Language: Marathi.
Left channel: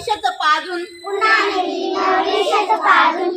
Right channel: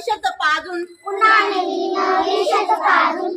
भविष्याचं पाजून पुन्हा भविष्याचं पाजून